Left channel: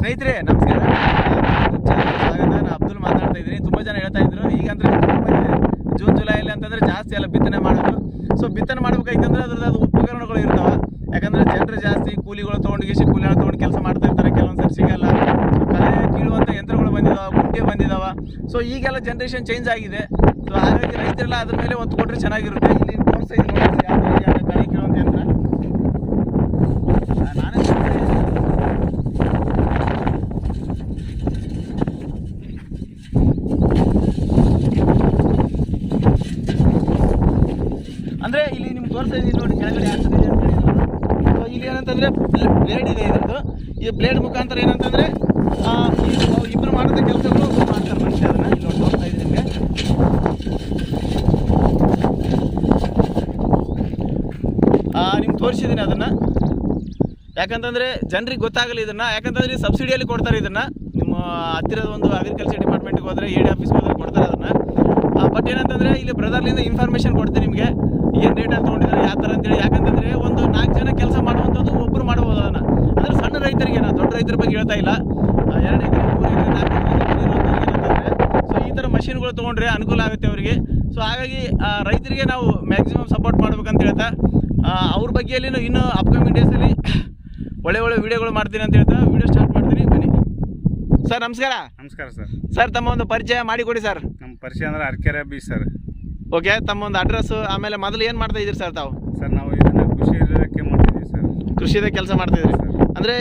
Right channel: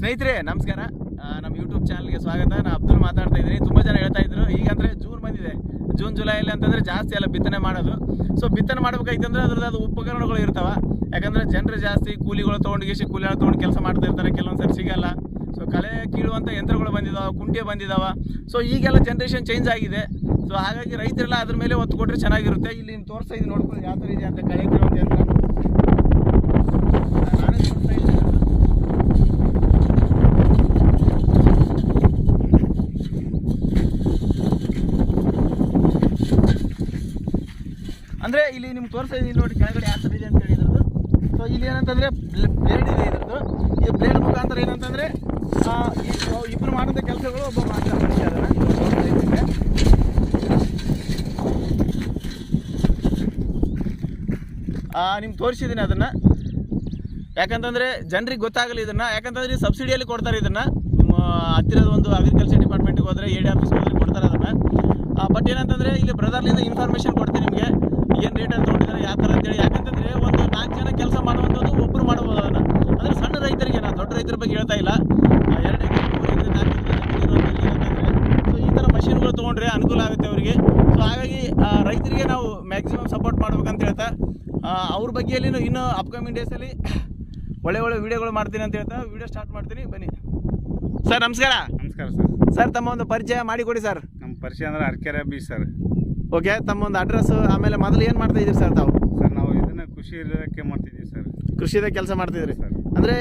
ಸ್ನೇಹಿತರೆ, ನಮಸ್ಕಾರ. YouTube channel ಸ್ವಾಗತ. ನಾನು ಅಬ್ದುಲ್ ಮಾತಾಡ್ತಾ ಇದ್ದೀನಿ. ತುಂಬ ಜನ ಹೇಳ್ತಾ ಇದ್ರು ಈಗ ಅಂದರೆ ಜೂನ್ ಬಂದಿದೆ. ಜೂನ್ ಅಂತಂದ್ರೆ ಜಾಸ್ತಿ ಎಲ್ಲ ಬಿತ್ತನೆ ಮಾಡೋದು. ಸೊ ಬಿತ್ತನೆ ಮಾಡ್ಬೇಕಾಯ್ತಂದ್ರೆ ಅದ್ರದ್ದು ಅದು ಉಪಕರಣಗಳು ಇರ್ತಾವ. ಯಾಕಂದ್ರೆ ಜನರು ಜಾಸ್ತಿ ಕೂಲಿಗಳು ತೊಗೊಂಡು ಗೀಸಿ ಕೂಲಿಗಳು ತೊಗೊಂಡು ಕೆಲಸ ಮಾಡ್ತಾ ಇರ್ತಾರೆ. ಕೆಲವೊಂದು ಸರಿ ಸಿಗಲ್ಲ. ಸೊ ಕಳೆ ಕೀಳುವಂಥ ಯಂತ್ರಗಳು ಬಂದಿದಾವ ಕುಂಟೆ ಬಂದಿದಾವ. ಸೊ ಈಗೆಲ್ಲ ಜನ್ರೇಷನ್ ಚೇಂಜ್ ಆಗಿದೆ. ಸೊ ಹಾಗಾಗಿ ರೈತರೆಲ್ಲ ಅದ್ರ ಮೇಲೆ ಒತ್ತು ಕೊಟ್ಟರೆ ಚೆನ್ನಾಗಿರುತ್ತೆ. ಇಲ್ಲಿ ತೋರಿಸ್ತಾ ಇದ್ದೀನಿ ನೋಡಿ ಯಾವ ಥರ ಇದೆ ಅಂತ ಕಳೆ ಕೀಳುವಂಥ ಯಂತ್ರ ನಾನೇ ತೋರಿಸ್ತೀನಿ. ಅಂದ್ರೆ ಇಲ್ಲಿ ನಿಮ್ಗೆ ತೋರಿಸ್ತಾ ಇದ್ದೀನಿ ನೋಡಿ, ಕೆಳಗಡೆ ಥರ ಅಂತ ಸೊ ಇಲ್ಲಿ ಏನಂತಂದ್ರೆ ಬ್ಲೇಡ್ ಇದೆ ಇದ್ರದ್ದು. ಈ ಬ್ಲೇಡ್ ಮುಖಾಂತರ ಏನಂತಂದ್ರೆ ಇಬ್ಬರು ಮಾಡಿದ ಕೆಲಸಗಳು ನಿಮ್ಗೆ. ತೋರಿಸಿದ್ದೀನಿ ಅದನ್ನ. ಯಾಕಂತಂದ್ರೆ ಜನರಿಗೆ ಗೊತ್ತಾಗಲಿ ಇದನ್ನ. ಯಾಕಂತಂದ್ರೆ ಸಬ್ಸಿಡಿಯಲ್ಲಿ ಕೊಡ್ತಾರೆ ಇದನ್ನ. ನಿಮ್ಮ ಹತ್ತಿರದ ಒಂದು ಅಗ್ರಿಕಲ್ಚರ್ ಡಿಪಾರ್ಟ್ಮೆಂಟ್ಗೆ ಹೋದ್ರೆ ಎ ಡಿ ಹೋದ್ರೆ ಕೊಡ್ತಾರೆ ಅದನ್ನ. ಬಟ್ ಏನಂತಂದ್ರೆ ಇಲ್ಲಿ ಬ್ರದರ್ಲಿಂದ ಇನ್ಫಾರ್ಮೇಶನ್ ಕೊಡ್ತೀನಿ ನಿಮಗೆ. ಏನು ಅಂತ ತೊಗೊಂಡಿದ್ದಾರೆ ಯಾವ ಥರ ಅಂತೇಳಿ. ಯಾಕಂತಂದರೆ ಒಂದು ನಾಲ್ಕು ಜನ ಕೆಲಸ ಮಾಡುವಂಥದ್ದು ಒಬ್ಬರು ಮಾಡ್ಬೋದು ಅದನ್ನ. ಅಂದ್ರೆ ಸಣ್ಣ ರೈತರಿಗೆ ನಾನು ದೊಡ್ಡ ರೈತರ ಬಗ್ಗೆ ಹೇಳ್ತಾ ಇಲ್ಲ. ಎರಡು ಎಕರೆ ಮೂರು ಎಕರೆ ನಾಲ್ಕು ಸೊ ಈ ಥರ ಮಷಿನ್ಗಳು ತೊಗೊಂಡ್ರೆ ಅನುಕೂಲ ಆಗುತ್ತೆ ಅವರಿಗೆ. ಸೊ ಹಾಗಾಗಿ ರೈತರಿಗೆ ನಾವು ಮ್ಯಾಕ್ಸಿಮಮ್ ಸಪೋರ್ಟ್ ಮಾಡ್ಬೇಕಂತ ಹೇಳ್ತಾ ಅವ್ರ ಬಗ್ಗೆಯಲ್ಲಿ ಇನ್ನೂ ಅಪ್ಕಮಿಂಗ್ ಡೇಸಲ್ಲಿ ಒಳ್ಳೆ ಒಳ್ಳೆ ವಿಡಿಯೋಗಳು ಮಾಡ್ತೀನಿ ಅಂತ ಹೇಳ್ತಾ ವಿಡಿಯೋ ಸ್ಟಾರ್ಟ್ ಮಾಡ್ತೀನಿ. ಬನ್ನಿ. ಸರ್ ನಮಸ್ಕಾರ. ನಮಸ್ಕಾರ ಸರ್ ಸರ್ ತಮ್ಮ ಒಂದು ಪರಿಚಯ ಮಾಡಿಕೊಡಿ ಸರ್ ನಮ್ಮ ಪರಿಚಯ ಅಂದ್ರೆ ಅರ್ಕೆರೆ ಬಿ ಸರ್ ಓಕೆ ತಮ್ಮ ಒಂದು ಅಡ್ರೆಸ್ ಆಮೇಲೆ ಮೊದಲು ಏನು ಮಾಡ್ತಾ ಇದ್ದೀರಿ ಸರ್ ತಾವು? ಸರ್ ನಾವು ಇದನ್ನ ಕೃಷಿ ಇಲಾಖೆ ಮಾಡ್ತಿದ್ದೀವಿ ಸರ್ ಕೃಷಿದ ಕೆಲಸ ಮಾಡ್ತಿದ್ರಿ ಸರ್ ಅಂದರೆ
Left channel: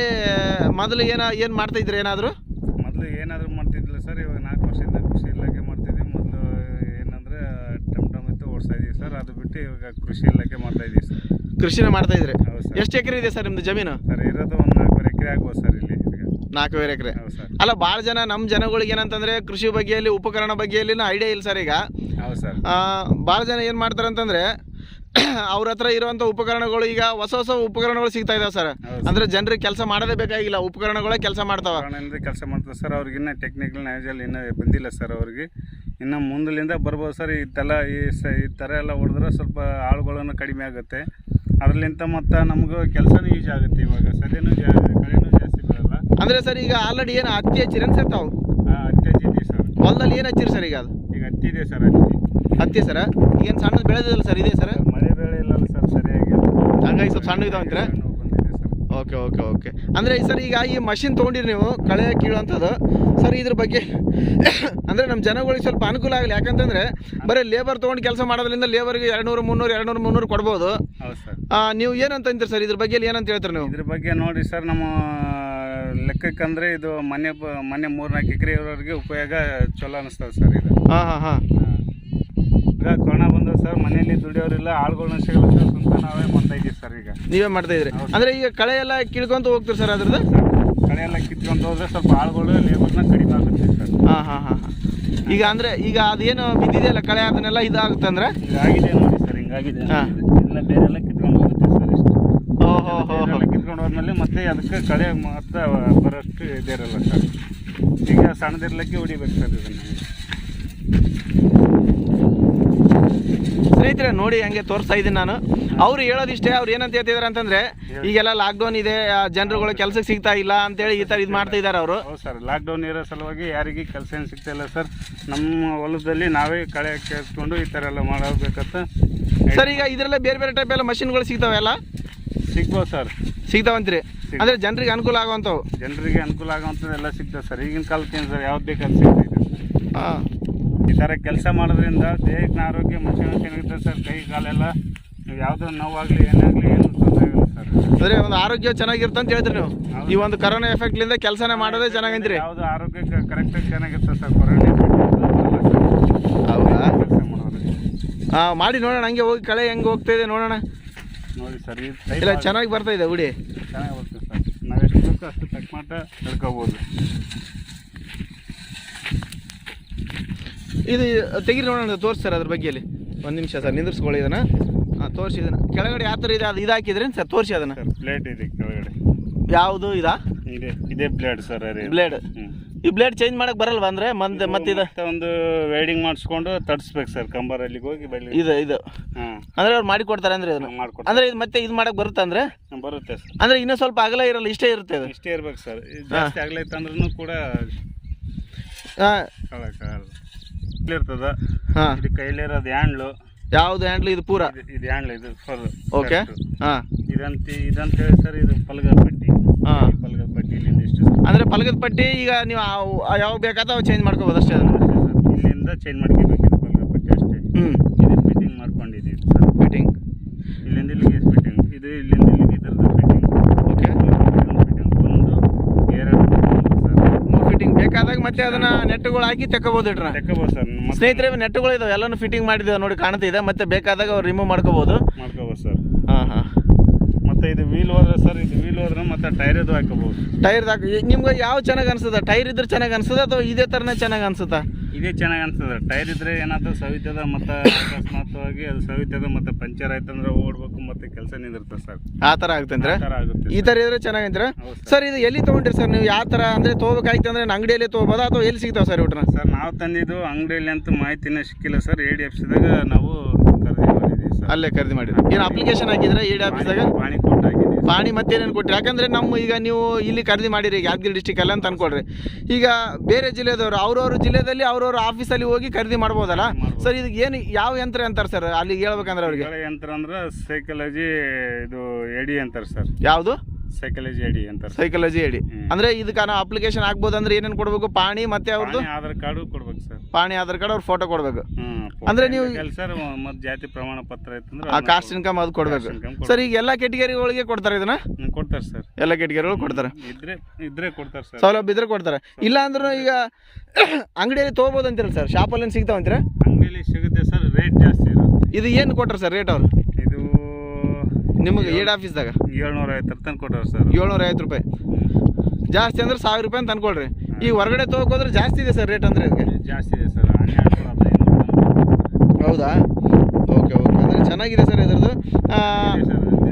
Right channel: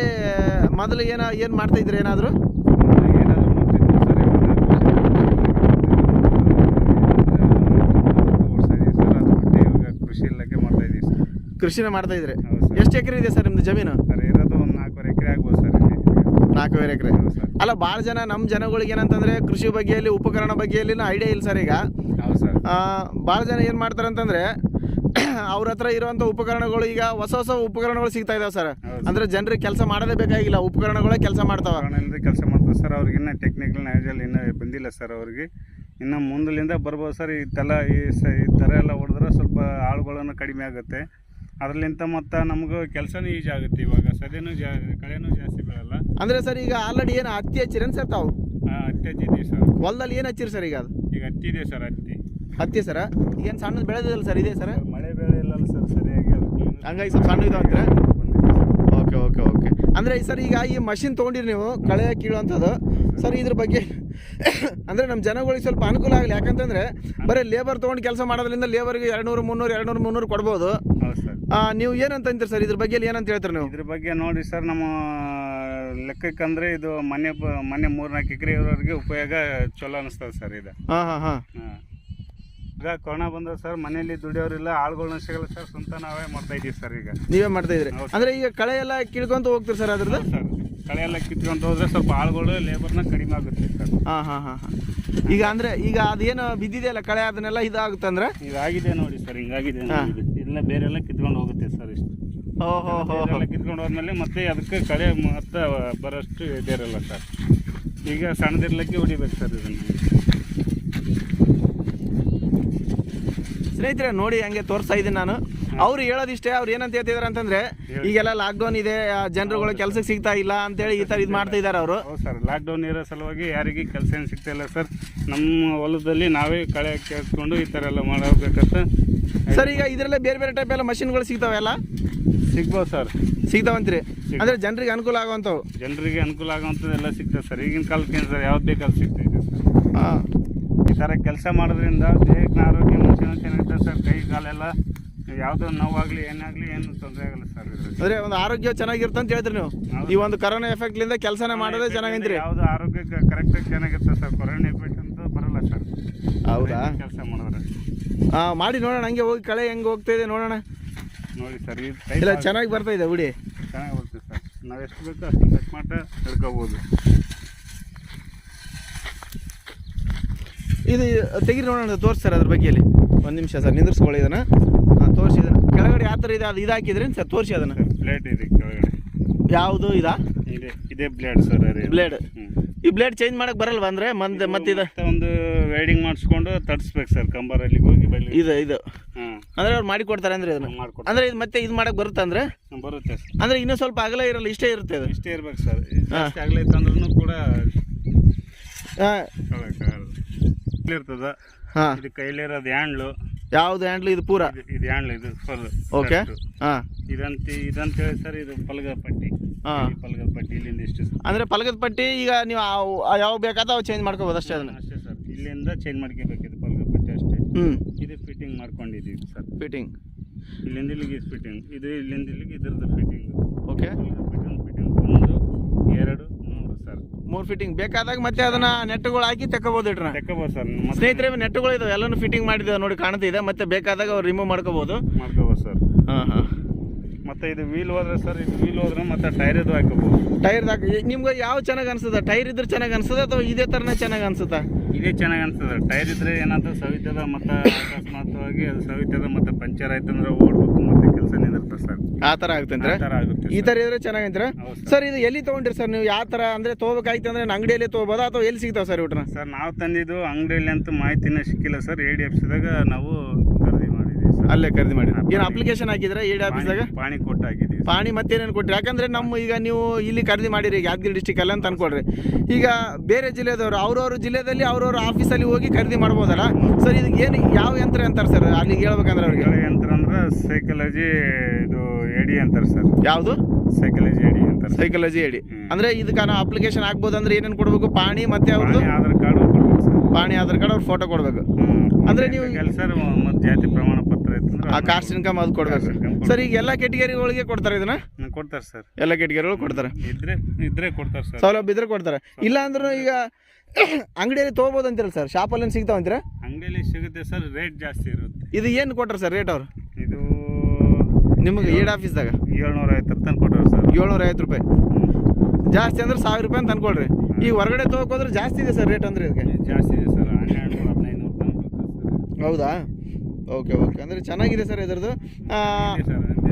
ಮೊದಲು ಏನ ಏನು ಮಾಡ್ತಾ ಇದ್ರಿ ಏನಾದರೂ? ಮೊದಲು ಏನಾದರೂ ಮಾಡ್ತಿದ್ವಿ ಸರ್ ಇವಾಗ ಕೃಷಿ ಕೃಷಿ ಇಲಾಖೆ ಮಾಡ್ತಿದ್ವಿ ಒಂದು ಓಡಿಸ್ತಾ ಇದ್ದೀವಿ ಸರ್ ಅದು ಬಿಟ್ಟು ಇವಾಗ ಕೃಷಿ ಇಲಾಖೆ ಮಾಡ್ತಾ ಇದ್ದೀವಿ ಸರ್ ಕೃಷಿನ ಮಾಡ್ತಾ ಇದ್ರಿ? ಹೌದು ಸರ್ ಎಷ್ಟು ಎಕರೆ ಇದೆ ಸರ್ ನಿಮ್ದು ಜಮೀನು? ಸರ್ ಇರೋದು ಒಂದು ನಾಲ್ಕೂವರೆ ಎಕರೆ ಆಗ್ಬೋದು ಸರ್ ಇಲ್ಲಿ. ನಾಲ್ಕೂವರೆ ಎಕರೆ. ಹೌದು ಅಲ್ಲ ಭಾಳ ಜನ ನಮ್ಮ ಜನಗಳಿಗೆ ಏನಂತಂದ್ರೆ ಕೃಷಿ ಬಗ್ಗೆಯಲ್ಲಿ ಉಪಕರಣ ಬಗ್ಗೆಯಲ್ಲಿ ಐಡಿಯಾ ಇಲ್ಲ ಸರ್ ಈಗ. ಭಾಳ ಜನ ಏನು ಮಾಡ್ತಾರೆ ಅಂತಂದ್ರೆ ಅವ್ರ ಹತ್ರ ಇರುವಂಥ ಉಪಕರಣಗಳು ಈಗ ಹೊಸ ಹೊಸ ಉಪಕರಣಗಳು ಸಿಗ್ತಾ ಇದಾವೆ ಸರ್. ಅಂದ್ರೆ ಜನರಿಗೆ ಕೆಲಸ ಮಾಡೋದೇ ಬೇಕಾಗಿಲ್ಲ ಉಪಕರಣಗಳೇ ಕೆಲಸ ಮಾಡ್ತಾವೆ. ಕೆಲಸ ಮಾಡ್ತಾರೆ ಸರ್. ಅವ್ರಿಗೆ ಇನ್ನೂ ಟೆಕ್ನಿಕಲ್ ನಾಲೆಜಲ್ಲಿ ಇನ್ನೂ ಬಂದಿಲ್ಲ ಸರ್ ಅವ್ರಿಗೆ. ಇನ್ನು ಮುಂದಲಿಂದ ಬರ್ಬೋದು ಸರ್. ಈ ತಲ ಈ ಸ ಈ ಥರ ಎಲ್ಲ ಹೊಡೆದ್ರೆ ಸ್ವಲ್ಪ ಆಳುಗಳನ್ನು ಕಡಿಮೆ ಆಗುತ್ತೆ. ಅದರಲ್ಲಿಂತ ಮತ್ತು ನಮಗೂ ಕೆಲಸನೂ ಯೂಸ್ ಆಗುತ್ತೆ ಇವಾಗ. ಸದ್ಯನೂ ಜಾ ಕಳೆನೂ ಜಾಸ್ತಿ ಬರಲ್ಲ. ಅಂದರೆ ಸರ್ ಈಗ ಆಲ್ರೆಡಿ ಏನು ಹತ್ತಿ ಹಚ್ಚಿರೇನು ಸರ್ ತಾವು? ಹತ್ತಿ ಹಚ್ಚಿದ್ದೀವಿ ಸರ್. ಹೊಲದಲ್ಲಿ ಏನು ಹಚ್ಚಿರಿ ಸರ್ ಈಗ ಅದು? ಈಗ ಹತ್ತಿದೆ ಸರ್ ಹತ್ತಿ. ಹತ್ತಿ ಸರ್? ಏನು ಸಣ್ಣದು ಬೆಳೆದಿಲ್ಲ ಸರ್ ಇದೆ ಸರ್? ಮಳೆ ಬೆಳೆ ಇಲ್ಲ ಸರ್ ಸರಿಯಾಗಿ ಹಂಗಾಗಿ ಸ್ವಲ್ಪ ಸಣ್ಣ ಇದಾವ ಅಂತೀರಾ ಓಕೆ ಓಕೆ ಓಕೆ. ಅಂದರೆ ಸರ್ ಈಗ ಈ ಮಷಿನ್ ತೊಗೊಂಡಿರಿ ನೀವು ಕಳೆ ಕೀಳುವಂಥದ್ದು ಸರ್ ಇದ್ರ ಬಗ್ಗೆ ಅಂದರೆ ನಮ್ಮ ಜನಗಳಿಗೆ ಸ್ವಲ್ಪ ಅನುಕೂಲ ಆಗಲಿ. ಯಾಕಂತಂದರೆ ಬರೀ ಲೇಬರ್ ತೊಗೊಂಡು ಕೆಲಸ ಮಾಡೋದ್ರಿಂದ ಲೇಬರ್ಗೆ ಎರಡು ನೂರು ಮುನ್ನೂರು ಎರಡು ನೂರು ಮುನ್ನೂರು ಕೊಡ್ಬೋದು. ಹೌದು ಸರ್. ಆ, ನೀವು ಏನಂತ ಅಂತೀರಿ ಸರ್ ಇದ್ರ ಬಗ್ಗೆ ಏನಂತ ಹೇಳ್ತೀರಿ ನೀವು? ಇದ್ರ ಬಗ್ಗೆ ನೋಡಿ ಸರ್ ನಮ್ಮ ಲೆಕ್ಕಕ್ಕಂದ್ರೆ ಇದು ಮನೆ ಮನೆ ಮೂರ್ನಾಲ್ಕು ಎಕರೆ ಇರೋರಿಗೆ ಉಪಯೋಗ ಚಲೋ ಅನಿಸ್ತದೆ ಸರ್ ಇದು. ಹಾಂ ಹಾಂ ಹಾ. ಈಗ ಕೊರೋನಾ ಬಂದ ಸರ್ ಮನೆಯಲ್ಲಿ ದುಡಿಯೋರಿಲ್ಲ ಆಳುಗಳನ್ನ ಸಿಗಲ್ಲ ಸರ್ ಸ್ವಂತ ನಾವೇ ಮಾಡ್ತಾ ಇದೀವಿ ಸರ್ ಈಗ. ನೀವೇ ಮಾಡ್ತಾ ಇದ್ರಿ ಅಂದ್ರೆ ಈಗ ಕಳೆ ಎಲ್ಲ ಕಿಳ್ಕೊಂತ ಹೋಗ್ತೀರಿ ಸರ್ ಅದ್ರದ್ದು? ಕಳೆ ಎಲ್ಲ ಕಿತ್ಕೊಂಡು ಹೋದ್ರೆ ಸ್ವಲ್ಪ ಆಳುಗಳು ಲೇಬರ್ನ ಕಡಿಮೆ ಆಗುತ್ತೆ ಸರ್. ಹಾಂ ಹಾಂ ಹಾಂ ಹಾಂ. ಈಗ ಅಂದ್ರೆ ಈಗ ಅದೇನು ಬಿದ್ದಿದೆಯಲ್ಲ ಕಳೆ ಅದನ್ನೆಲ್ಲ ಇದಾಗುತ್ತೆ ಅಂದ್ರೆ? ಇದಾಗಿದೆ ನೋಡಿ ಸರ್ ಹಿಂಗಾಗಿದೆ ಹಾ. ನೋಡಿ ಇದು. ಎಲ್ಲ ಬೇರೆ ಎಲ್ಲ ಕಿತ್ಕೊಂಡು ಹೋಗುತ್ತೆ ಸರ್ ಇಷ್ಟು. ಓಹೋ ಹೋ ಹೋ. ಬೇರೆಲ್ಲ ಕಿತ್ಕೊಂಡು ಹೋದ್ಮೇಲೆ ಮತ್ತೆ ಅದಕ್ಕೆ ಕಳೆ ಮತ್ತೆ ಬರೋಷ್ಟು ಬೇರೆಲ್ಲ ಸರ್. ಈಗ ಸಣ್ಣದಿರ್ಲಿಕ್ಕೆ ಹೊಡಿಬೇಕು ಸರ್ ಇದನ್ನು. ಸ್ನೇಹಿತರೆ ನೋಡಿ ಹಂಗೆ ತೋರಿಸ್ತಾ ಇದ್ದೀನಿ ನಾನು. ಅವ್ರು ಹೇಳೋದಿಷ್ಟೇ ಅವ್ರು ಏನಂತ ಹೇಳ್ತಿದಾರೆ ಅಂತಂದ್ರೆ ಈಗೆಲ್ಲ ಲಾಕ್ಡೌನ್ ಇದೆ ಜನರುಗಳು ಕೆಲಸಕ್ಕೆ ಸಿಗ್ತಾ ಇಲ್ಲ ಅಂತೇಳಿ ಈ ಥರ ಇದು ಮಾಡ್ತಾ ಇದ್ದಾರೆ ಅವರು. ಹೌದು ಸರ್ ಲಾಕ್ಡೌನ್ ಇರೋ ಸಲುವಾಗಿ ಯಾರಿಗೆ ಕೆಲಸ ಏನು ಸಿಗ್ತಾಯಿಲ್ಲ ಸರ್. ನಮ್ಮ ಹೊಲದಲ್ಲಿ ನಾವೇ ಕಳೆ ಕೇಳಿಸ್ಕೊಂಡು ಈ ಥರ ಎಲ್ಲ ಮಾಡಬೇಕಂತ ಸರ್ ಈಗ ಇದರಲ್ಲೇ ಬೇರೆ ಬೇರೆ ಟೈಪ್ ಎಲ್ಲ ಮಷಿನ್ಗಳು ಸಿಗ್ತಾವೆಲ್ಲ ಸಿಗ್ಬೋದು ಸರ್. ಸಿಗ್ತಾವಂತ್ರಿ. ಅಂದ್ರೆ ಜನರಿಗೆ ಅನುಕೂಲ ಆಗುವಂಥವು? ಜನರಿಗೆ ಅನುಕೂಲ ಆಗುವಂಥದ್ದು ಎಲ್ಲ ಸಿಗ್ತದೆ ಸರ್. ಈಗಿನ ಕಾಲಕ್ಕೆ ಏನು ಸರ್ ಯಾವ್ದು ಬೇಕಾದ್ರೂ ಸಿಗ್ತೈತೆ ಇದೆ ಹಾಂ. ಈ ಕೆಲಸ ಮಾಡೋದ್ರಿಂದ ದೇಹಕ್ಕೆ ಆರೋಗ್ಯ ಮನುಷ್ಯನ ಚೆನ್ನಾಗಿದೆ ಸರ್ ಕೈ ಕಾಲೆಲ್ಲ ಯಾವುದೋ ನೋವಾಗಲಿ ಏನಾಗಲಿ ಏನು ತೊಂದರೆ ಆಗಲ್ಲ ಸರ್. ಅಂದರೆ ಒಂದು ಆರೋಗ್ಯ ಚೆನ್ನಾಗಿರುತ್ತೆ ಅಂತ ಹೇಳ್ತೀರಿ ನೀವು. ಈ ಒಂದು ಕರೋನಾ ಎಫೆಕ್ಟ್ಲಿಂದ ಕೆಲಸನೇ ಮಾಡೋದೇ ಚೆನ್ನಾಗಂತೀರಿ ಯಾವುದು ಆರೋಗ್ಯ ಕರೆಕ್ಟಾಗಿ ಚೆನ್ನಾಗಿರ್ತದೆ ಸರ್ ಕೊರೋನಾ ಎಫೆಕ್ಟ್ ಹೌದಾ? ಕೆಲಸ ಮಾಡೋದ್ರೆ ಹಾಂ ಮಾಡಿ ನೋಡೋಣ ಹಂಗೆ ಹೋಗಿ ಕಳೆ ಹೆಂಗೆ ಹೋಗ್ತಾ ಇದೆ ನೋಡೋಣ. ನೋಡಿ ಸರ್ ಇಲ್ಲ ಚೆನ್ನಾಗಿ ಬರ್ತಾ ಇದೆ ಉಡಿ ಚೆನ್ನಾಗಿ ಬರ್ತದೆ ಸರ್. ನಾವೆಷ್ಟು ಬೇಕು ಅಷ್ಟು ಕಟ್ ಮಾಡ್ತಾ ಹಿಡ್ಕೋಬೋದು ಇದು ತೆಗಿರಿ ನೋಡೋಣ ತೋರಿಸಿ ಸರ್ ಅದ್ರ ಬಗ್ಗೆಯಲ್ಲಿ. ಒಂದು ನಿಮಿಷ ಸರ್ ನಿಂದ್ರಿಸ್ಕೊಳ್ಳಿ ಇದನ್ನು. ಹಾಂ ತೋರಿಸಿ ಇದನ್ನ. ಕೆಳಗಡೆ ಯಾವ ಥರ ಇದೆ ಅದು ಇದು ಹಾಕಿದ್ರಿ ಸರ್ ತೋರಿಸಿ ಅದನ್ನು. ಪ್ಲೇಟ್ ಇದೆ ಕೆಳಗಡೆ. ಯಾವುದು ಇದಾ? ಇದೆ ಇದೇ ಬ್ಲೇಡ್ ಸರ್ ಬ್ಲೇಡ್ ಈ ಬ್ಲೇಡ್ ಚೇಂಜ್ ಮಾಡಕ್ಕೆ ಬರಲ್ವಾ ಅಂದರೆ ಮಂದ್ ಮತ್ತಿದೆ? ಒಂದು ವೆಲ್ಡಿಂಗ್ ಮಾಡಿಸ್ಕೊಂಡು ತಡ್ಸ್ಬೇಕು ಸರ್ ಕಂಬರಲ್ಲಿ ಹೋಗಿ ಬೆಳಿ ಇದು ಇದು. ಅಂದರೆ ಅವ್ರು ಮಾಡಿ ಕೊಡ್ತಾರೆ ಅಂದ್ರೆ ಇದನ್ನು? ಮಾಡ್ಕೊಡ್ತಾರೆ. ಅಂದರೆ ಇದು ಮತ್ತೆ ಇದು ಮಾಡಕ್ಕೆ ಬರುತ್ತೆ ಅಂದರೆ? ಬರುತ್ತೆ ಸರ್. ಅಂದ್ರೆ ಇನ್ನೂ ಸ್ವಲ್ಪ ಅಗಲ ಇರಲ್ಲ ಇಷ್ಟೇ ಇರುತ್ತೆ ಅದು. ಇಷ್ಟೇ ಇರ್ಬೇಕು ಸರ್. ಅಗಲ ಅಂದ್ರೂ ಕೂಡ ಇರ್ತದ. ಹಾಂ. ಇದು ಕೈಲಿರೋದು ಹ್ಯಾಂಡ್ಲು. ಯಾವ್ದು ಹ್ಯಾಂಡ್ಲ್? ಇದು ಪೂರ? ಇದು- ಹ್ಯಾಂಡ್ಲು ಇದು ಫುಲ್ ಓಕೆ. ಹಾಂ. ಇದಂತ ಇದಂತ ಹೇಳಿ ಸರ್ ಇದು ಪಲ್ಗದ ಪಟ್ಟಿ. ಹಾಂ. ಪಲ್ಗದ ಪಟ್ಟಿ ಇಲ್ಲಿಂದ ಇಷ್ಟು. ಅಂದರೆ ಪಲಕದ ಪಟ್ಟಿ ಈಗ ನೀವು ಯಾವ ಬೇಕಾದ ಅವು ಚೇಂಜ್ ಮಾಡ್ಕೋಬೋದು ಅಷ್ಟೇ ಅದನ್ನು? ಅಷ್ಟೇ ಸರ್. ಇಲ್ಲಿಂದ ಚೇಂಜ್ ಮಾಡ್ಕೋಬೇಕು ಇದು ಪಲ್ಗದ ಪಟ್ಟಿ ಅಷ್ಟೇ. ಹ್ಞೂ ಇದು ಫಿಟ್ಟಿಂಗ್ ಮಾಡ್ಕೊಂಡಿದ್ದೀವಿ ಸರ್. ಫಿಟ್ಟಿಂಗ್ ಇಲ್ಲಿಂದ ಇಲ್ಲಿಗೆ ಫಿಟ್ಟಿಂಗ್ ಇದು ಇಲ್ಲಿಂದ ಇಲ್ಲಿಗೆ ಇದರದ್ದು ಫಿಟ್ಟಿಂಗ್ ಓಕೆ ಫಿಟ್ಟಿಂಗ್ ಒಂದು ಎರಡು ಮೂರು ಸರ್ ಮೂರು ಫಿಟ್ಟಿಂಗ್ ಬೇಕಾದಾಗ ಮತ್ತೆ ಅದನ್ನ ನೆಟ್ಗಳು ಹಾಕಿ ತೆಕ್ಕಬಹುದು ಇಟ್ರ. ತೆಕ್ಕಬಹುದು ಸರ್ ಸ್ನೇಹಿತರೆ ನೆಟ್ಗಳು ಇದಾವೆ ಎಲ್ಲಾನು ಫಿಟ್ಟಿಂಗ್ ಮಾಡಿದ ನೋಡಿ ಕಾಣ್ತಿದೆ ಮತ್ತೆ ಬೇಕಾದಾಗ ಅವ್ರು ರಿಮೂವ್ ಮಾಡ್ಕೋಬಹುದು ಮಾಡ್ಕೋಬೋದು ಸರ್. ಹಾಂ ಹಾಂ. ಮತ್ತೆ ಇದು ವೀಲ್ ಹೋದ್ರೆ ಸರ್ ಇದು ವೀಲ್ ಹೋದ್ರೆ ಮತ್ತೆ ಟೈರ್ ಇದು ಹಾಕಬಹುದು ಟೈರ್ ನಿಮ್ಗೆ ಯಾವ ಚೆನ್ನಾಗಿ ಅನ್ಸುತ್ತೆ? ಟೈರ್ ಇದ್ರೆ ಚೆನ್ನಾಗಿ ಅನ್ಸುತ್ತೆ ಅಥವಾ ಇದೇ ತರನೇ ಚೆನ್ನಾಗಿ ಅನ್ಸುತ್ತಾ? ಇದೇ ಚೆನ್ನಾಗಿ ಅನ್ಸುತ್ತೆ. ಟೈರ್ ಇದ್ರೆ ಏನಾದ್ರು ಸವಿತದ ಮತ್ತೆ ಅಕಸ್ಮಾತ್ವಾಗಿ ಅದು ಸವಿತದ ಮತ್ತೆ ಪಂಚರ್ ಆಯ್ತಂದ್ರೆ ಓಡ್ಬೇಕು. ಸರ್. ಆ ಥರ ಆಗ್ತಂದ್ರೆ ಆ ಥರ ಆಗುತ್ತೆ ಈ ತರ ಇದ್ರೆ ಚೆನ್ನಾಗಿದ್ರೆ? ಸರ್. ಇದು ಎಲ್ಲಿ ತಗೊಂಡ್ರಿ ಸರ್ ನೀವು? ಯಾವ ತರ ಅಂದ್ರೆ ತಗೋಬೇಕಾಯ್ತಂದ್ರೆ ಅಂಗಡಿಯಲ್ಲಿ ತೊಗೋಬೋದಾ ಅಥವಾ ಎಲ್ಲಿ ಸಿಗ್ತಾವ ಸರ್ ಇವ್ರನ್ನ ಸರ್ ನಾವು ತಂದಿದ್ದು ಅಂಗಡಿಯಲ್ಲಿ ಅಂತ ಮಾಹಿತಿನ ಸಿಕ್ಕಿಲ್ಲ ಸರ್. ಎ ಡಿ ಎಫ್ಸಿದಾಗ ನಾವು ಖರೀದಿ ಮಾಡಿದ್ದೀವಿ ಸರ್. ಅಲ್ಲೇ ಖರೀದಿ ಮಾಡಿ ಏನು ಅಪ್ಲಿಕೇಶನ್ ಹಾಕಿದ್ರೆ ಈ ಡಿ ಆಫೀಸಾಗ ಪಾಣಿ- ಪಾಣಿ ಕೊಟ್ಟು ಹಾಕಿದ್ದೀವಿ ಪಾಣಿ ಮತ್ತೇನೇನು ಕೊಟ್ರಿ? ಯಾಕಂದ್ರೆ ನಮ್ಮ ಈಗ ನೀವು ಇಲ್ಲಿ ಖರೀದಿ ಮಾಡಿರಿ ಈಗ ಯಾದಗಿರಿ ಡಿಸ್ಟಿಕ್ ಅಲ್ಲ ಅಂತ ಅನ್ಕೊಳ್ರಿ. ಈಗ ಬೇರೆ ಜಿಲ್ಲೆದವರು ಅವ್ರವ್ರ ಜಿಲ್ಲೆಯಲ್ಲಿ ಅವ್ರವ್ರ ಆಫೀಸಲ್ಲಿ ಹೋಗಿ ಖರೀದಿ ಮಾಡ್ಬೋದಲ್ಲ? ಸರ್ ಇದಕ್ಕೆ ಏನು ಯಾವ ಯಂತ್ರ ಅಂತಾರೆ ಸರ್? ಅಲ್ಲಿಗೆ ಹೇಳ್ಬೇಕಂದ್ರೆ ಅವ್ರಿಗೆ. ಯಂತ್ರ ಅಂದ್ರೆ ಸೈಕಲಜಿ ಇದು ಎಡಿ ಅಂತಾರೆ ಸರ್. ಯಾವುದು? ಸೈಕಲಜಿ ಎಡಿ ಅಂತಾರೆ ಸೈಕಾಲಜಿ ಎಡಿ ಅಂದರೆ ಇದಕ್ಕೆ ನಾವು ಅಪ್ಲಿಕೇಶನ್ ಹಾಕ್ಬೋದು ಅಂದ್ರೆ ಏನೇನು ಕೊಡಬೇಕು? ಪಾಣಿ ಮತ್ತೆ ಅವ್ರದ್ದು ಪಾಣಿ ಆಧಾರ್ ಕಾರ್ಡು ಕೊಡ್ಬೇಕು ಸರ್. ಪಾಣಿ ಆಧಾರ್ ಕಾರ್ಡ್ ಅವ್ರ ಫೋಟೋ ಕೊಡಬೇಕು. ಅಂದ್ರೆ ನೀವು- ಸರ್ ಮತ್ತೆ ಜಾತಿ ಪ್ರಮಾಣ ಪತ್ರ ಆ ಕಾಸ್ಟ್ ಇನ್ಕಮ್ ಅದು ಕೊಡ್ಬೇಕು. ಸರ್ ಈಗ ಎಲ್ಲ ಕೆಟಗರಿಗಳಿಗೆ ಕೊಡ್ತಾರೆ ಇದನ್ನ? ಕೊಡ್ತಾರೆ ಸರ್. ಎಲ್ಲ ಕೆಟಗರಿಗಳು ಕೊಡ್ತಾರೆ. ಇದ್ರೆ ಇದ್ರೆ ಕೊಡ್ತಾರೆ ಸರ್. ಸೌಲಭ್ಯ ಇದ್ರೆ ಕೊಡ್ತಾರೆ. ಇಲ್ಲ ಅಂದ್ರೂ ಈಗ ಅಂಗಡಿಯಲ್ಲಿ ತೊಗೋಬೋದು ಅಂತೀರಲ್ಲ ಸರ್? ಶಾಪಲ್ಲಿ ಸಿಗ್ತಾವ ಅಂತೀರ? ಅಂಗಡಿಯಲ್ಲಿ ಸಿಗುತ್ತೆ ಸರ್ ರೇಟ್ ಜಾಸ್ತಿ ಇರುತ್ತೆ. ಇದು ಏನು ಕೊಟ್ಟರು ಸರ್ ರೇಟ್ ಅವರು? ಇದು ನಿಮಗೆ ಏಡ್ ಆಫೀಸ್ದಾಗ ಏಳ್ನೂರ ಐವತ್ತರ ತಂದು ಕೊಟ್ಟರು ಸರ್. ಏಳ್ನೂರ ಐವತ್ತು ರೂಪಾಯಿ ಜಾಸ್ತಿ ಅಂದ್ರೆ ಸಾವಿರ ರೂಪಾಯಿ ಅಂತ ಅನ್ಕೊಳ್ರಿ. ಈಗ ಹೊರಗಡೆ ತಗೋಕೋದ್ರೆ ಜಾಸ್ತಿ ಇದೆ ಸರ್ ರೇಟ್ ಅಂದ್ರೆ ಇದಕ್ಕೆ? ಜಾಸ್ತಿ ಇದೆ ಸರ್. ಹೌದಾ? Okay okay. ಚೆನ್ನಾಗಿದೆ ಸರ್ ಇದ್ರದ್ದು.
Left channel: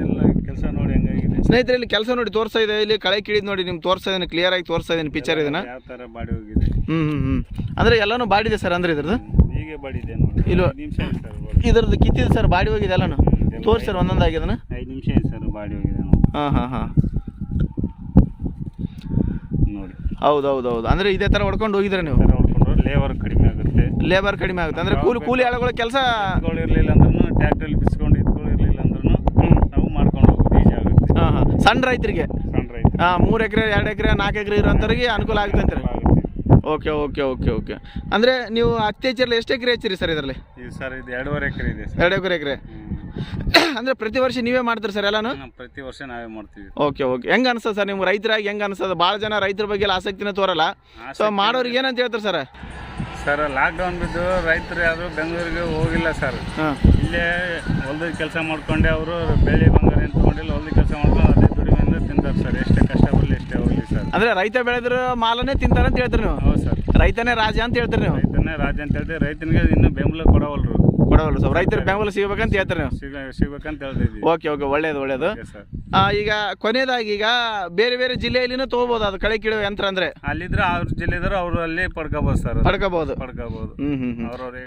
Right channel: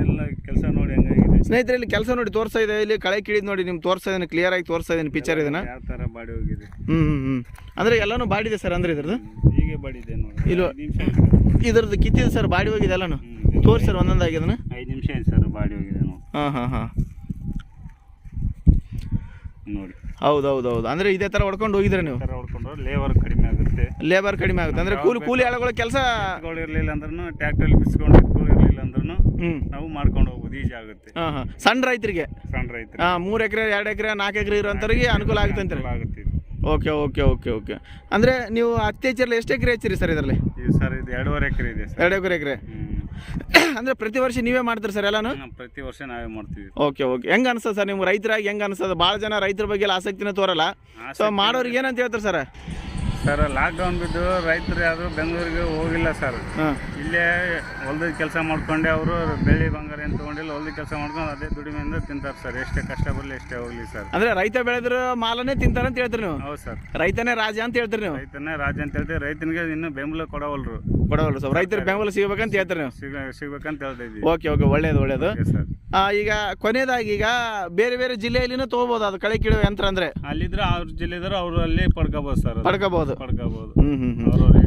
ಎಲ್ಲ ಕೆಲಸ ನೋಡಿ ಹಂಗಾಗಿದೆ. ಸ್ನೇಹಿತರೆ ಇಲ್ಲಿ ಕೆಲಸ ನೋಡಿ ತೋರಿಸ್ತಾ ಇದೆ. ಇಲ್ಲಿ ಕಳೆ ಕಿಳಿದ್ ನೋಡಿ ನಿಮ್ಗೆ ತೋರಿಸ್ತಾ ಇದ್ದೀನಿ ಕ್ಲಿಯರ್ ಆಗಿ ತೋರಿಸ್ತಾ ಇದ್ದೀನಿ ಪಿಕ್ಚರ್ ಇದನ್ನ. ಯಾವ ಥರ ಬಾಡಿ ಹೋಗಿದೆ? ಹ್ಞೂ ಹ್ಞೂ ಹ್ಞೂ ಅಂದರೆ ಎಲ್ಲನೂ ಬಾಡಿದೆ ಸರ್ ಅಂದ್ರೆ ಇದ್ರದ್ದು? ಹೀಗೆ ಬಾಡಿದೆ ನೋಡಿ. ಇಲ್ವ- ಐದು ನಿಮಿಷ ಆಯ್ತು ಸರ್ ಇದ್ರದ್ದು ಕಿತ್ತಿದೆ ಸರ್ ಬಾಡಿ ಹೋಗಿದೆ ಎಲ್ಲನೂ? ತೋರಿಸಿ ಸರ್ ಒಂದೊಂದಾಗಿ ಅದನ್ನು. ಐದು ನಿಮಿಷ ಆಯ್ತು ಸರ್ ಬಾಡಿ ಹೋಗಿದೆ ನೋಡಿ. ಹಾಂ ಹಾಂ ಹಾಂ. ನೋಡಿ. ಹೌದು ಹೌದು ಹೌದು ಅಂದರೆ ಇದೇ ಥರ ಹೊಡ್ಕೊಂಡು ಹೋಗಿದ್ರೆ ನೀವು? ಲೇಬರ್ ಕಡಿಮೆ. ಲೇಬರ್ ಕಡಿಮೆ ಆಗುತ್ತೆ. ಅಂದ್ರೆ ಕೂಲಿ ಕೂಲಿ ಆಳುಗಳ ಕೆಲಸ ಇರಲಿಲ್ಲ ಅಂದ್ರೂ ಟ್ಯಾಕ್ಟರ್ ಬಿಸ್ಕೊಂಡು ಇರಲಿಲ್ಲ ಅಂದ್ರೂ ನಾವು ಮಾಡ್ಕೊಂಡು ಹೋಗೋದು ಈಜಿ ಆಗುತ್ತೆ. ಹಾಂ ಹಾಂ. ಸಣ್ಣ ರೈತರಿಗೆ? ಸಣ್ಣ ರೈತರು ಹಾಂ ಮೂರು ಎಕರೆ ಎರಡು ಎಕರೆ ನಾಲ್ಕು ಎಕರೆ ಇರೋಂಥವ್ರಿಗೆ ಅನುಕೂಲ ಆಗುತ್ತೆ ಅಂತ ಓಕೆ ಓಕೆ ಓಕೆ ಓಕೆ. ಅಂದರೆ ನೀವು ಹತ್ತಿ ಹೆಚ್ಚಿರಲಿ ಎಷ್ಟು ಎಕರೆ ಹೆಚ್ಚಿರಿ ಸರ್ ಇದರಲ್ಲಿ? ಇದು ಸರ್ ಇದು ಎರಡೂವರೆ ಎಕರೆ ಇದೆ ಎರಡು ಎಕರೆ? ಎಕರೆ ಅಂದ್ರೆ ಪ್ರತಿ ವರ್ಷ ನೀವೇ ಮಾಡ್ತೀರಿ ಸರ್ ಎಲ್ಲಾನು? ಪ್ರತಿ ವರ್ಷ ನಾವೇ ಮಾಡ್ತೀವಿ. Okay okay. ಹೆಂಗ ಅನ್ಸ್ತದೆ ಸರ್ ನಿಮ್ಗೆ ರೈತರಾಗಿ ಹೆಂಗ ಅನ್ಸದ ಭಾಳ ಜನ ರೈತರ ಬಗ್ಗೆ ಎಲ್ಲ ಆಸಕ್ತಿನ ತೋರಲ್ಲ. ಸೊ ಮಾಡೋರಿಗೆ ಏನಂತ ಹೇಳ್ತಾರೆ ಸರ್? ಸರ್ ಲಾಕ್ಡೌನ್ ಬಿದ್ದು ರೈತರು ಯಾರು ಬೆಂಗಳೂರಿಗೆ ಹೋಗಿಲ್ಲ ಸರ್. ಇಲ್ಲೇ ಹೊಲ್ದ ಕೆಲಸ ಮಾಡ್ಕೊಂಡೆ ಅವರು ಬೆಳ್ಳಿ ಬಂಗಾರ ಏನು ತೊಗೊಂಡಿಲ್ಲ ಹೊಲ್ದ ಕೆಲಸ ಮಾಡ್ಕೊಂಡು ಅದೇ ತಿಂತಾರೆ ಸರ್. ಎಷ್ಟೇ ಕಷ್ಟ ಬರಲಿ ಎಷ್ಟೇ ಹೋಗಲಿ ಸರ್. ಅಂದರೆ ರೈತ ಬೆಳೆದ್ರು ಮಾಲನೇ ತಿಂತಾರೆ ಅಂತ ಹೇಳ್ತೀರಿ ನೀವು? ಹೌದು ಸರ್. ರೈತನೇ ರಾಜ ಅಂತ ಹೇಳ್ತೀರಿ ನೀವು? ರೈತನೇ ರಾಜ ಅಂತ ಹೇಳ್ತೀವಿ. ರೈತನಿಗೆ ಇನ್ನೂ ಬೆಂಬಲ ಕೊಡವಲ್ರು. ಕೊಡವಲ್ಲ ಸರ್ ರೈತರ ಬೆಂಬಲ ಸಿಗ್ಬೇಕಂತ ಹೇಳ್ತಾರೆ ನೀವು? ಸಿಗ ಸಿಗ್ಬೇಕಂತ ಓಕೆ ಓಕೆ ಒಳ್ಳೇದು ಒಳ್ಳೇದು. ಸರ್. ಆ, ಈಗ ಕೊನೆಯದಾಗಿ ಈಗ ಬೇರೆ ಬೇರೆ ಜಿಲ್ಲೆಯಲ್ಲಿನೂ ತಗೋಬಹುದು ಅದು ಕಳೆ ಕಿಡುವ ಯಂತ್ರ ಅಂದ್ರೆ? ಅಲ್ಲಿದ್ರೆ ಅವ್ರ ಜಿಲ್ಲೆದಾರ ಅವರು ಅಲ್ಲಿ ಪಡ್ಕೋಬೋದು ಸರ್. ಪಡ್ಕೋಬಹುದು ಪಡ್ಕೋಬೋದು. ಅವ್ರವ್ರ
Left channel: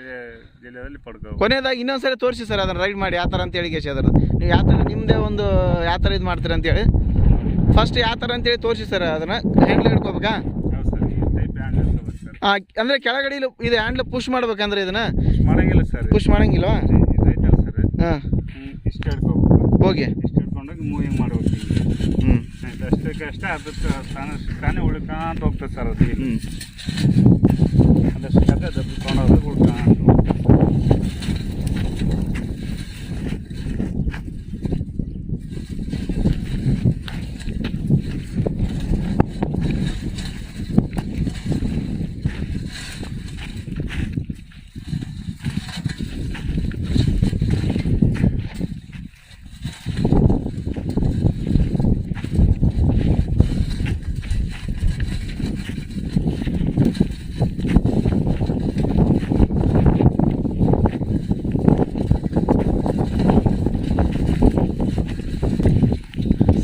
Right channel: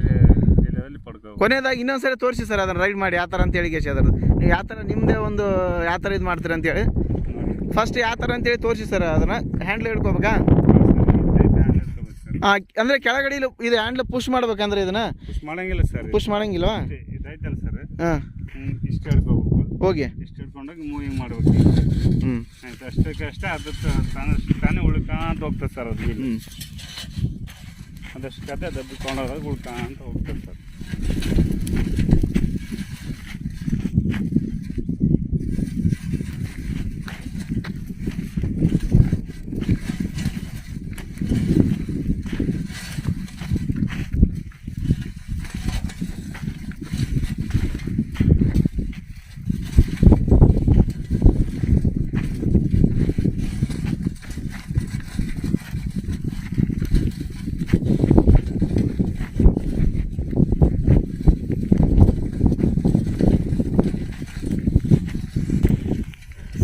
ಜಿಲ್ಲೆಯಲ್ಲಿ ಪಡ್ಕೋಬೋದು. ಕೊನೆಯದಾಗಿ ಇನ್ನೊಂದ್ಸರಿ ತೋರಿಸಿ ಸರ್ ಅದನ್ನ ರೈಡ್ ಮಾಡಿ ಯಾವ ಥರ ಅಂತ ಹೇಳಿ ಕೇಸಿ ಅದ್ರದ್ದು. ನೀವು ಯಾವ ಥರ ನಿಮ್ಮದೇ ಒಂದು ಯಾವ ಥರ ಇದು ಮಾಡ್ತೀರ ಅಂತೇಳಿ ಫಸ್ಟ್ ಯಾವ ಥರ ಅಂತೇಳಿ ತೋರಿಸಿ ಸರ್ ಅದನ್ನು ಹ್ಯಾಂಡ್ಲ್ ಹಿಡ್ಕೋಬೇಕಾ? ಸರ್ ಅಂದರೆ ಕೆಳಗಡೆ ಇದು ಹ್ಯಾಂಡ್ಲ್ ಪುಷ್ ಮಾಡ್ಬೇಕಂದ್ರೆ ಇದನ್ನು? ಮಾಡಂಗಿಲ್ಲ ಸರ್ ಪುಷ್ ಮಾಡಂಗಿಲ್ಲ ಐತಲ್ಲ ಸರ್ ಹಾಂ. ಇಷ್ಟು ಹಿಡ್ಕೋಬೇಕು. ಹೋಗಿ. ಇಷ್ಟು ಹಿಡ್ಕೊಂಡೋಗಿ ಮೂವಿಂಗ್ ಮಾಡ್ಬೇಕು ಹ್ಞೂ ಆಯ್ತು ಅಷ್ಟಕ್ಕೆ ಅಷ್ಟೇ ಅದಕ್ಕೆ ತಾನೇ ತಾನೇ ಉಳ್ಕೊಂಡು ಹೋಗ್ತದೆ ಸರ್ ಅದು ಹ್ಞೂ ಅದಷ್ಟು ಕತೆ ಅದು ಉಳ್ಕೊಂಡು ಹೋಗ್ತದೆ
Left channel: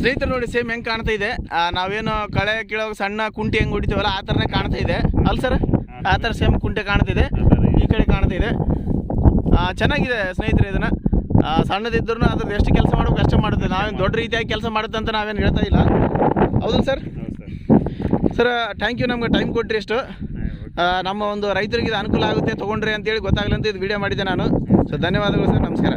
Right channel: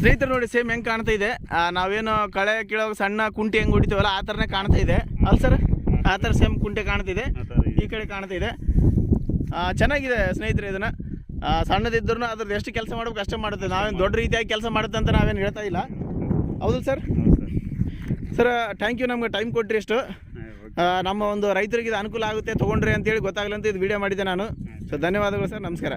ಸ್ನೇಹಿತರು ನೋಡಿ ಸೇಮ್ ಹೆಂಗೆ ಕಾಣ್ತಾ ಇದೆ. ನಾವೇನು ಕಳೆ ಕೀಳೋ ಸಣ್ಣ ಕುಂಟೆ ಹೆಂಗೆ ಹೊಡಿತೀವಲ್ಲ, ಆ ಥರನೇ ಕಾಣ್ತಾ ಇದೆ. ಅಲ್ಲ ಸರ್? ಆ ಥರ ಸೇಮ್ ಕುಂಟೆ ಕಾಣ್ತಿದೆ ಈ ಕಡೆ ಕಾಣ್ತಾ ಇದೆ. ಚೆನ್ನಾಗಿದೆ ಸ್ನೇಹಿತರೆ ಇದನ್ನು. ಸಣ್ಣದಿದ್ರು ಅದ್ರದ್ದು ಎಷ್ಟು ಕೆಲಸ ಮಾಡ್ಬೇಕು ಅಷ್ಟೇ ಮಾಡುತ್ತೆ. ನಾವೇನು ದೊಡ್ಡ ರೀತಿಯಾಗಿ ಕೆಲಸ ಮಾಡುತ್ತೆ ಅಂತ ನಾವೇನು ಹೇಳ್ತಾ ಇಲ್ಲ. ಹೌದು ಸರ್? ಸರ್ ಥ್ಯಾಂಕ್ ಯು ನಮ್ಗೆ ಟೈಮ್ ಕೊಟ್ಟರಿ ಎಷ್ಟು ನಮ್ಮ ಒಂದು ರೈತರಿಗೆ ಇದು ಅನುಕೂಲ ಆಗುತ್ತೆ, ತೊಗೊಂಡ್ರಿ ಅಂತೇಳಿ ಅಂತ ಇದು ವಿಡಿಯೋ ಮಾಡಿದ್ದೆ ನಾನು. ಸೊ ಧನ್ಯವಾದಗಳು ಸರ್, ನಮಸ್ಕಾರ.